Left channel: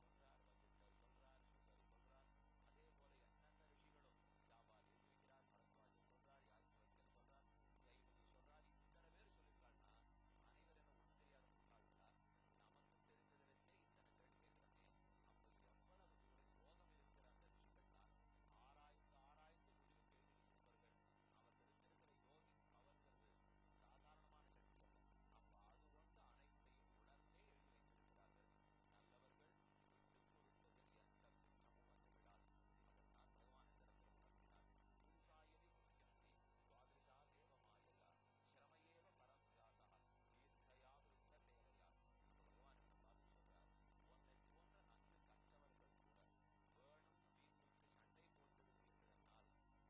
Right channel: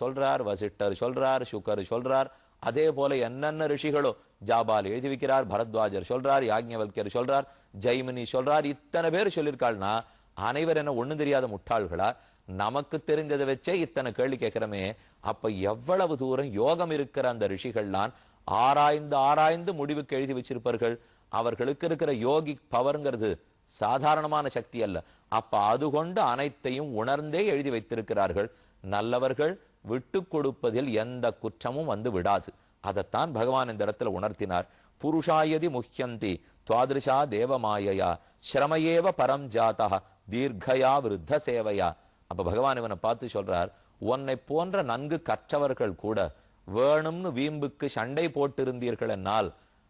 சொல்றார், வசிஷ்டர் சொல்றார், சுகர் சொல்றார். அதே போல என்னென்ன ரிஷிகளோ ஜாபால் எழுதி வைக்கிறார், பரத்வாஜர் சொல்றார், யாக்ஞவல்யர் சொல்றார், ஜெய்மினி சொல்றார். இத்தனை பேர் சொல்லியிருக்காள்னா அனைவர் என்ன ஒண்ணும் தெரியாத முட்டாள்களா? நமக்கு தெரிந்ததை வச்சே இத்தனை கேள்வி கேட்கிறோமே. அப்ப எவ்வளவு தூரம் யோகம் இருக்கிற அந்த ரிஷிகள்லாம் ஆராய்ந்து ஆராய்ந்து முடிவுக்கு எழுதி வச்சிருப்பார்கள். அவர்களுக்கு இருக்கிற யோகி பவர்ங்கிறது சாதாரணமான சக்தி அல்ல. அப்ப அது கொண்டு அனைத்தையும் உணர்ந்தே எழுதி வைத்திருக்கிறார்கள். நல்லவர்கள் விட்டு கொடுப்பதில் எந்த குற்றமும் வந்து விடாது. அதைத்தான் பகவான் இந்த இடத்துல உணர்த்தினார். புருஷாயதி முஹ்யந்தி துவாதிருஷா தேவமாயையா ஸ்ரமயேவ பரம் ஜாதா தீர்க்கயா விருத்த சேவையா. அப்ப பகவான் இவனை பார்த்து சொல்றார், உன்னை போன்ற நன்கு கற்றவர்கள் கூட வேணும்னு வீம்புக்கு சண்டை போட்டு இருந்தீர்கள் என்னால்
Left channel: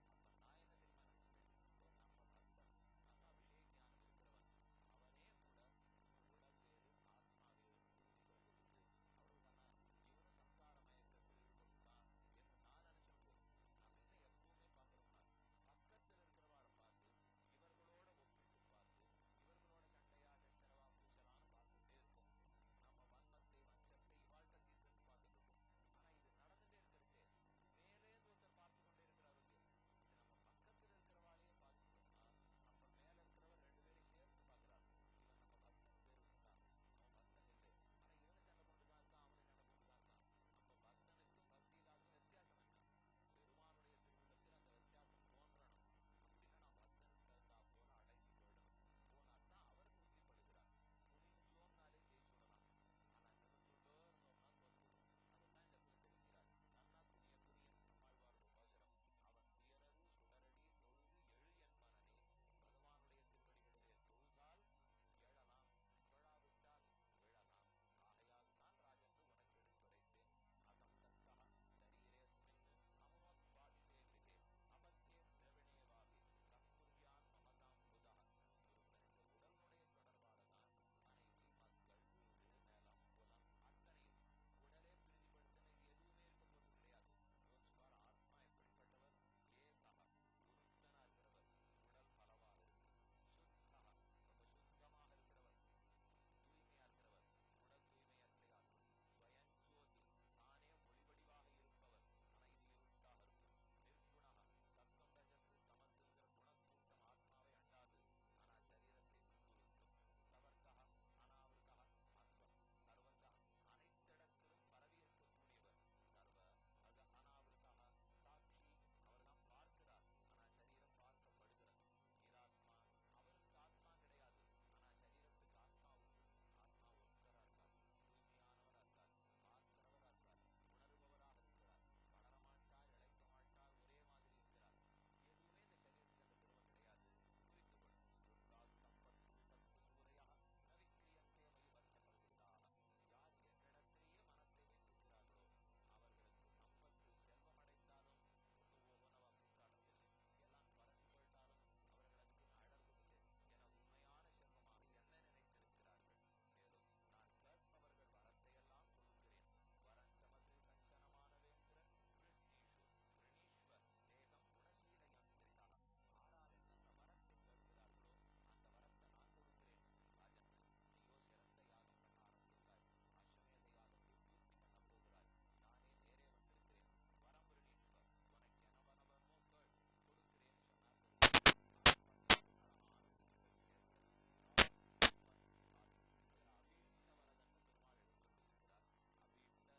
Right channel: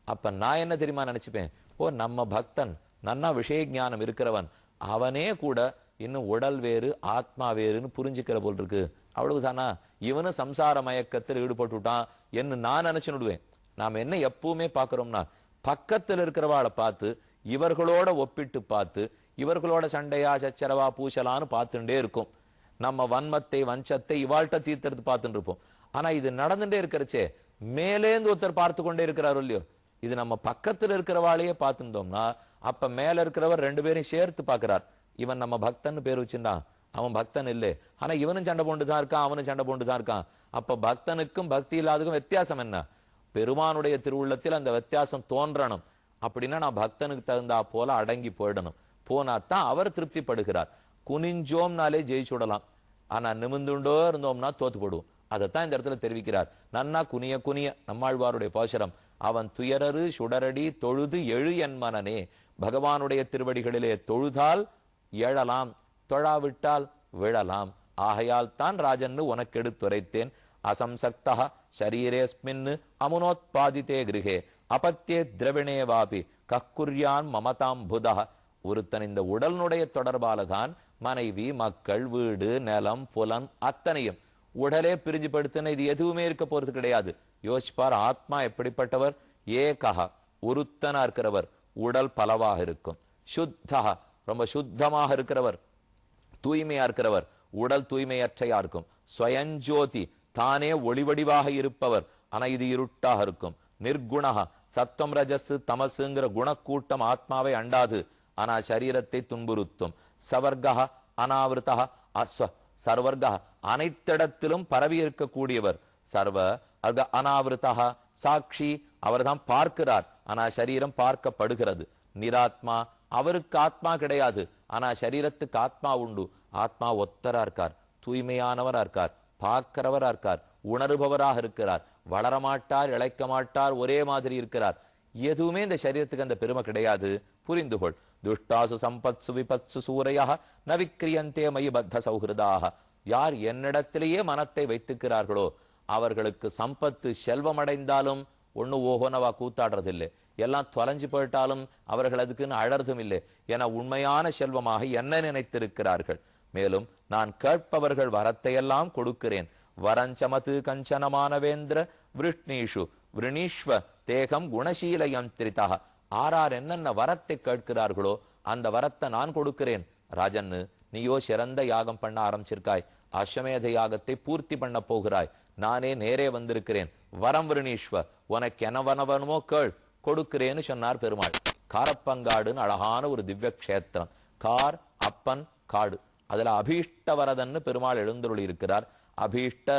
அப்ப நான் என்ன தெரியுமா நினைச்சுப்பேன், ஓ நம்ம பக்தன் நன்னா விஷய ஞானம் இருக்கிறவன், அவனே கூட இன்னும் உடல் வேறு ஆத்மா வேறுன்னு புரிஞ்சுக்கிற போல் இருக்கு, அவ்வளவுதானா, இவனும் சம்சார மயக்கத்தில் ஈடுபட்டுட்டான் என்று நான் நினைச்சுடுவேன். நாம் என்ன எப்பவுமே பார்க்கிறோம்னா பக்கத்தில் இருக்கிறவாளை பார்த்து இவர்களோட ஒப்பிட்டு பார்த்து இவர்களோட சண்டையா சச்சரவா பூசலான்னு பார்த்துட்டே இருக்கும். நம்ம வன்மத்தை வஞ்சத்தை இவாழ்கிட்ட தீர்த்தெடுத்து பார்த்துட்டு இருப்போம். ஆனா இது நடந்துட்டே இருக்கிறச்சே மேலேந்து ஒருத்தர் பார்த்து கொண்டே இருக்கிறாரோ இல்லையோ, இது நம்ம பக்கத்துல இருக்கிறவாளையே பார்த்துட்டோம்னா அப்ப மேல இருக்கிறவர் ரெண்டு பேரையும் சேர்த்து பார்க்கிறார். இவன் நம்ம பக்தன் பேர் வச்சிருந்தான், அவன் பக்தன் இல்லை, ஆனா இவனும் சண்டை போண்டுதான் இருக்கான், அவனும் சண்டை போண்டுதான் இருக்கான். அப்ப பக்தனுக்கும் பக்தி இல்லாததுக்கும் வித்தியாசம் என்ன? பெருமானுடைய திருவுள்ளத்தில் அந்த வித்தியாசம் தோன்றணும். அப்படின்னா நான் பக்தனுக்கு தகுந்தா போல அடங்கி போயிடணும். போனாத்தான் அவர் திருப்திப்படுகிறார். குனிஞ்சோம்னாலே ஜெயிச்சுடலாம், ஆனா நிமிந்துண்டோ இருந்தோம்னா தோத்து போடுவோம். அதைத்தான் இந்த இடத்துல தெரிவிக்கிறார். நன்னா குனிய குனிய நம்மாழ்வாருடைய பாசுரம், அவன் துயரரு சுடரடி தொழுது எழு என் மனனே. பகவானுடைய திருவடிகளிலே தொழுதால் எழலாம், தொழாவிட்டால் விழலாம். ஆகையால் தான் ராஜன்னு உனக்கு எடுத்துரைத்தேன். அசம்சக்தா ஷரீரேஸ்மின் அமுனோத்பாதித்தே கிருஹே அபத்தியே திரவிணே வாபி கக்குர்யான் மமதாம் புதா. ஒருத்தன் இந்த உடலுடைய தொடர்பால தான் மனைவி மக்கள் வீடு நிலம் புலன் அத்தனையும் உடலே பிரிஞ்சு படுத்தின இது எதுவுமே இருக்க போறது கிடையாது. யோசிப்பார், ஆத்மா எப்படிப்பட்டவர்? ஏகா ஒருத்தனா இருக்கிறவர், உடல் பலவாக இருக்கும். சுத்தா ரொம்ப சுத்தமாக இருக்கிறவர், தூய்மையா இருக்கிறவர், உடல் தூய்மையற்றையா இருக்கும். ஸ்வயஞ்சோதி தானே ஒளிவடிவாக இருப்பவர், ஆனா இது இருட்டாக இருக்கும். நிர்குணா சத்தம் ரஜஸ் தமசுங்கிற குணக்கூட்டம் ஆத்மாவை அண்டாது, ஆனா சரீரத்தை துன்புறுத்தும். சவர்கா அனாவிருத்தா அஸ்வ சர்வர்கா அனைத்திடத்திலும் பரவி இருக்கக்கூடியவர். சர்வ அர்க அனாவிருத்தா சாட்சி அவர்தான் பார்க்கிறார், ஆனா சரீரம் பார்க்கப்படுகிறது. நிராத்மா அவருக்கு ஆத்மா கிடையாது, ஆனா சரீரத்துக்கு ஆத்மா உண்டு. ஆத்மா ஒத்தரா இருக்கார், தூய்மையானவரா இருக்கார், பார்க்கிறவரா இருக்கார், உணர்பவராக இருக்கிறார், வளரமாட்டார் இழைக்க மாட்டார், ஒரே மாதிரி இருக்கிறார். எதுவுமே இந்த சரீரத்துக்கு அந்த பெருமை கிடையாது. புரிந்துகொள். துஷ்டாசு சம்பத்சு விபத்சு சூரையா ந விக்ரியந்தே மயி பத்த சௌஹிருதாக. யார் என்னிடத்திலேயே மனத்தை வைத்துக்கிறார்களோ அவர்களுக்கு சம்பத்து செல்வம் அடைந்தாலும் ஒண்ணு ஓஹோனவா கூத்தாடுறதில்லை, எல்லாம் தொலைஞ்சு போயிட்டாலும் அவர்கள் அதுக்குன்னு அழறதும் இல்லை. என உண்மையான செல்வமாக என்ன நினைத்திருக்கிறார்கள். மேலும் நான் கேட்பவர்கள் வரத்தையெல்லாம் கொடுக்கிறேன். வரஞ்சமது கஞ்சனமானவேந்திர விருஷ்ணீஷு விருணீஸ்வ தேகம் குணசீல யந்திரிதா. ஆறார் என்னென்ன வரத்தை கேட்கிறார்களோ அந்த வரத்தை நான் கொடுக்கிறேன். ராஜன்னு நீயோ சிறந்த யாகம் பண்ண ஆரம்பிச்சிருக்காய், அஸ்வமேத யாகத்தை பூர்த்தி பண்ண போகிறாய், நானே நேரே வந்திருக்கிறேன். வரம் விருணீஸ்வ உனக்கு எனவனவனுமோ கேள் கொடுக்கிறேன்னு சொன்னார் பெருமாள். காரப்பங்காடுன்னு அழகான ஒரு திவ்ய கஷேத்திரம். கார் அப்பன் காடு, அதுல அபீஷ்ட வரதன்னு பெருமாள் எழுந்தருளி இருக்கிறார். அபீஷ்ட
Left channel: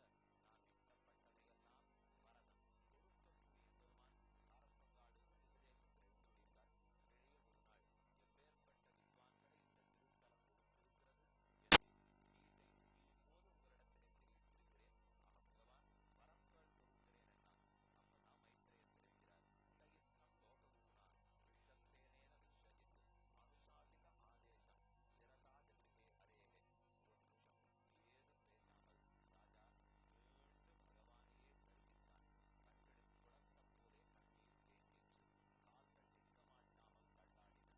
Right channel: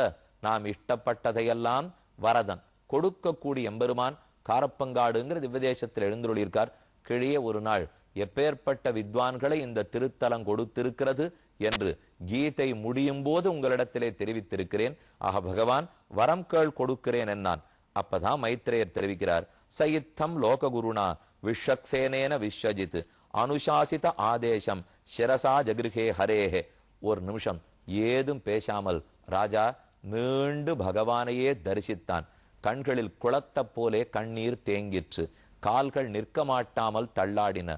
நாம் இஷ்டப்பட்டதையெல்லாம் வரதன் கொடுக்கக்கூடிய எம்பெருமான் காரப்பங்காடுங்கிற திவ்யதேசத்தில் எழுந்தருளி இருக்கார். கிழிய ஒரு நாள் எப்பேற்பட்ட வித்வான்களை இந்த திருத்தலம் கொடுத்திருக்கிறது என்று கீதை முடியும் போது உங்களிடத்திலே தெரிவித்திருக்கிறேன். ஆக பகவான் வரம் கேள் கொடுக்கிறேன் என்னான். அப்பதான் மைத்ரேயர் தெரிவிக்கிறார், சயித்தம் லோககுருணா விஸ்வக்சேனேன விஸ்வஜித் அனுசாசித ஆதேசம் சிரசா ஜகிருஹே ஹரேஹே. ஒரு நிமிஷம் ஏதும் பேசாமல் ராஜா மீண்டு பகவானையே தரிசித்தான். கண்களில் குளத்த போலே கண்ணீர் தேங்கிற்று, கால்கள் நிற்க மாட்டாமல் தள்ளாடின,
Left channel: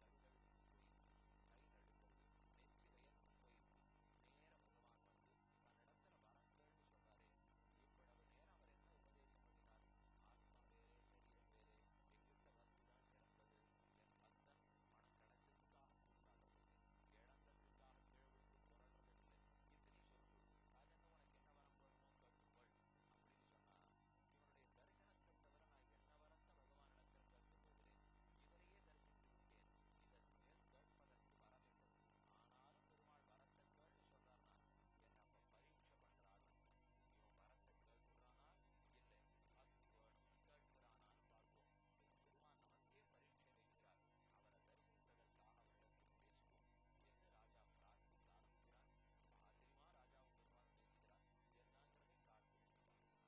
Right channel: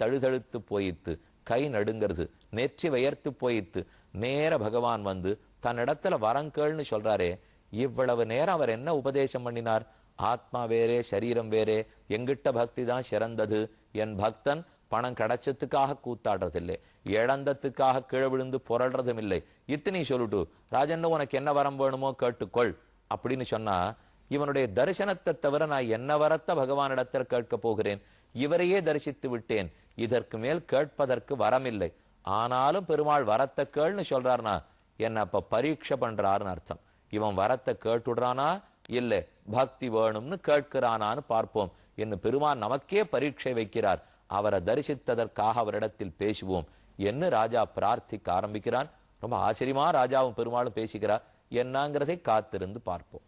தழுதழுத்து போயித்து, கை நடுங்கிறது, நெற்றி வயர்த்து போயித்து. நேர பகவான் வந்து தன்னிடத்துல வரங்கள்னு சொல்றாரே, இவ்வளவு நேரம் அவர் என்ன உபதேசம் பண்ணினார்? ஆத்மா வேறே சரீரம் வேறே, எங்கிட்ட பக்தி தான் சிறந்தது, என் பக்தன் பணம் கிடைச்சதுக்காக கூத்தாடுறதில்லை, இழந்ததுக்காக கீழே விழுந்து புரள்றதும் இல்லை. இத்தனை சொல்லிட்டு ராஜன் உனக்கு என்ன வரம் வேணுமோ கேட்டுக்கொள் அப்படின்னு சொன்னா, இவனுடைய தரிசனத்தை தவிர நான் என்ன வரத்த பகவானிடத்தில் கேட்க போகிறேன்? இவரையே தரிசித்து விட்டேன், இதற்கு மேல் கேட்பதற்கு வரமில்லை. ஆனாலும் பெருமாள் வரத்தை கேள்னு சொல்றாருனா என்ன அப்ப பரீட்சை பண்றாருன்னு அர்த்தம். இவன் வரத்தை கேட்டுடுறானா இல்லை பக்தி வேணும்னு கேட்கிறானான்னு பார்ப்போம் என்று பெருமான் நமக்கே பரீட்சை வைக்கிறார். அவரை தரிசித்ததற்காக அவரிடத்தில் பேசுவோம் என்று ராஜா பிரார்த்திக்க ஆரம்பிக்கிறான். ரொம்ப ஆச்சரியமா ராஜாவும் பெருமாளும் பேசிக்கிறார். என்னங்கிறதை காத்திருந்து பார்ப்போம்.